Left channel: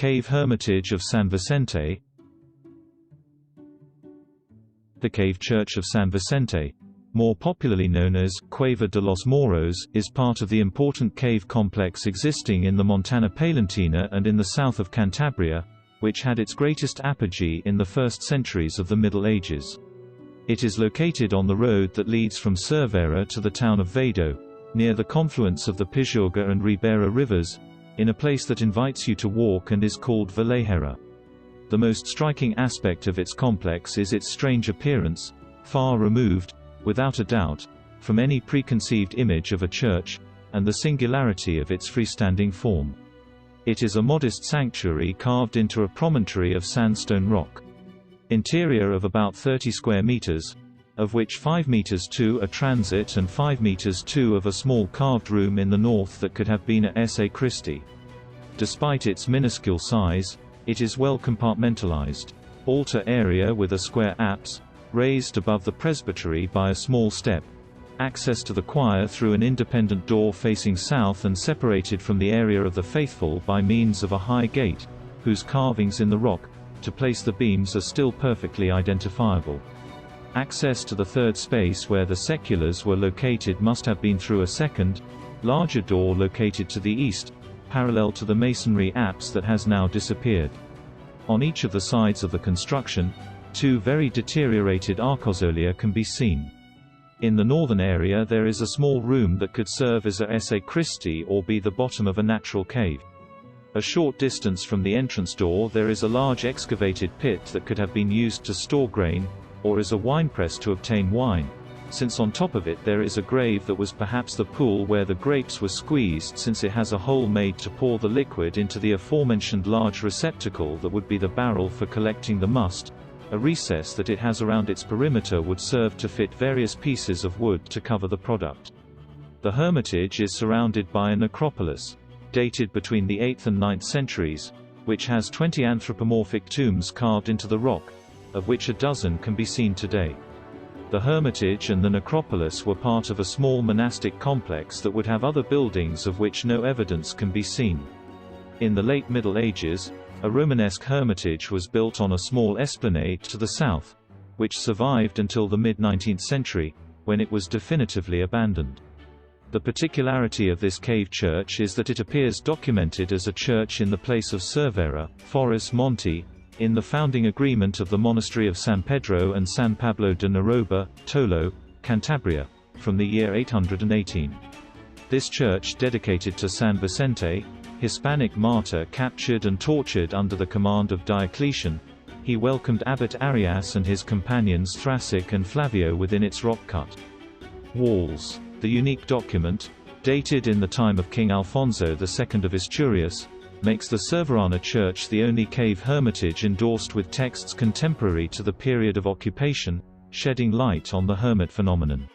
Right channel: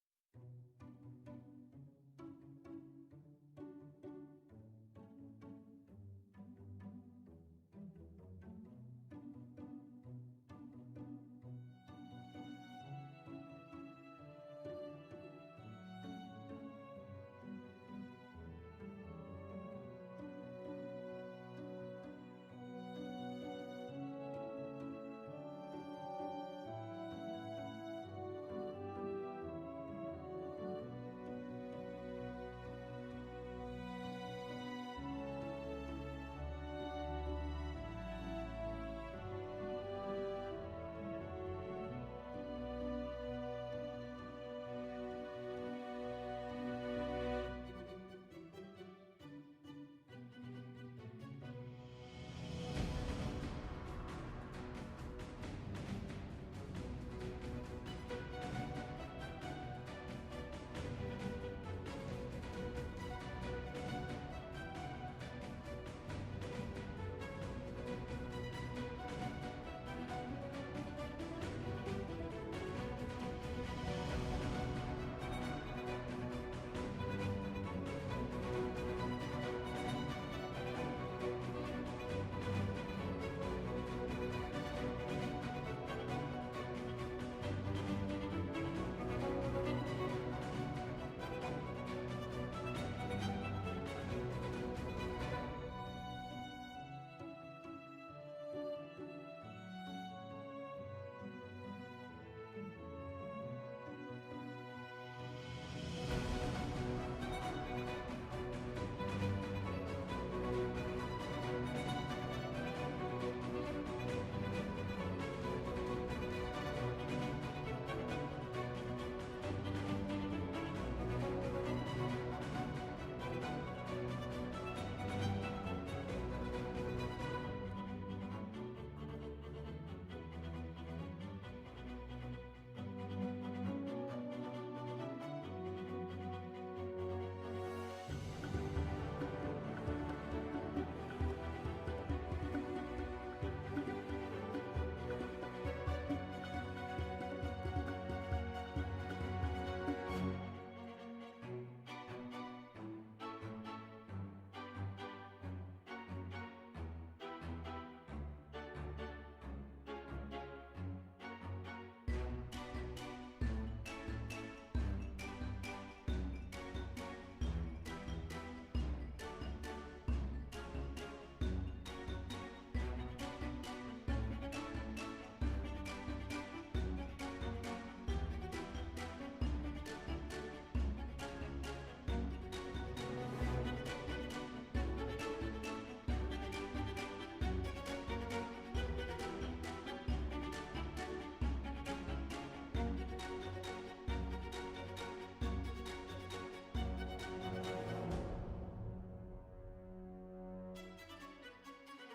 Cave Hermitage of San Vicente. The Cave Church of San Vicente, more popularly known as Cueva de los Moros, is part of the important cave complex existing in the Montana Palentina and in the south of Cantabria, which had its greatest apogee in the first centuries of the Middle Ages. It is located on the road that leads from Cervera to the town of Vado, near the confluence of the Pijorga and Ribera rivers, in a place that invites you to walk and is called Valejera. The most striking aspect of its complex is its strange appearance, far removed, without a doubt, from any preconceived image of a church, and the singularity of its freestanding form. It is a modest sanctuary carved into a promontory of sandstone rock. Interior of about 30 square meters, of which 5 meters to a transit and 5 meters to of a small carved room in the north that could have been a sacristy. Despite its minuscule size, it is well compartmentalized. Altar area with a square apse, raised above the presbytery by a small step. Access to the choir through an independent door facing south and separated from the area of the faithful by means of a high gate, whose carvings in the rock, to place the beams, are still perfectly identifiable. Access to the third space where the seculars were located must have been through a second, larger door located to the east, parallel to the masonry apse that has now disappeared. On each of the sides of the construction, 2 very deteriorated arcosolia can be seen. In the northern area there is a small room that could serve as a sacristy or be the bottom of a natural cave. A short distance from the entrance door there is a large excavated pit that could have been used to store grain, or as a winepress to obtain wine, since on top of it there is a grave that was perhaps the pool where the grapes were squeezed, since it has a hole made to pour the liquid into the aforementioned large receptacle that would be the barrel for collecting the must. A recess that it has around its perimeter would serve to fit various pieces of wood to cover the product. The hermitage is surrounded by an acropolis, dated between the 8th and 9th centuries, which has 20 anthropomorphic tombs carved into the rock, of which a dozen can be seen today. The hermitage and the necropolis were part of a small monastic complex that would have other buildings of which no evidence can be seen. In the late Middle Ages, a Romanesque hermitage was built on a small esplanade to the south, which survived until the mid-19th century, when it was definitively abandoned. The particularity of this cave church is that it appears documented as a church in the place of Cervera, Forres Monte, in the founding agreement of the monastery of San Pedro and San Pablo de Naroba, Tolo, Cantabria, from the year 818. This church, dedicated to San Vicente, Hispanic martyr captured and tortured under the command of Diocletian, he welcomed Abbot Arias and his companions Thracic and Flavio within its rock-cut walls. The unique document, dated in the time of King Alfonso II of Asturias, makes the Cerverana Church the only cave hermitage endorsed with texts contemporary to the period of occupation, shedding light on the hermit phenomenon.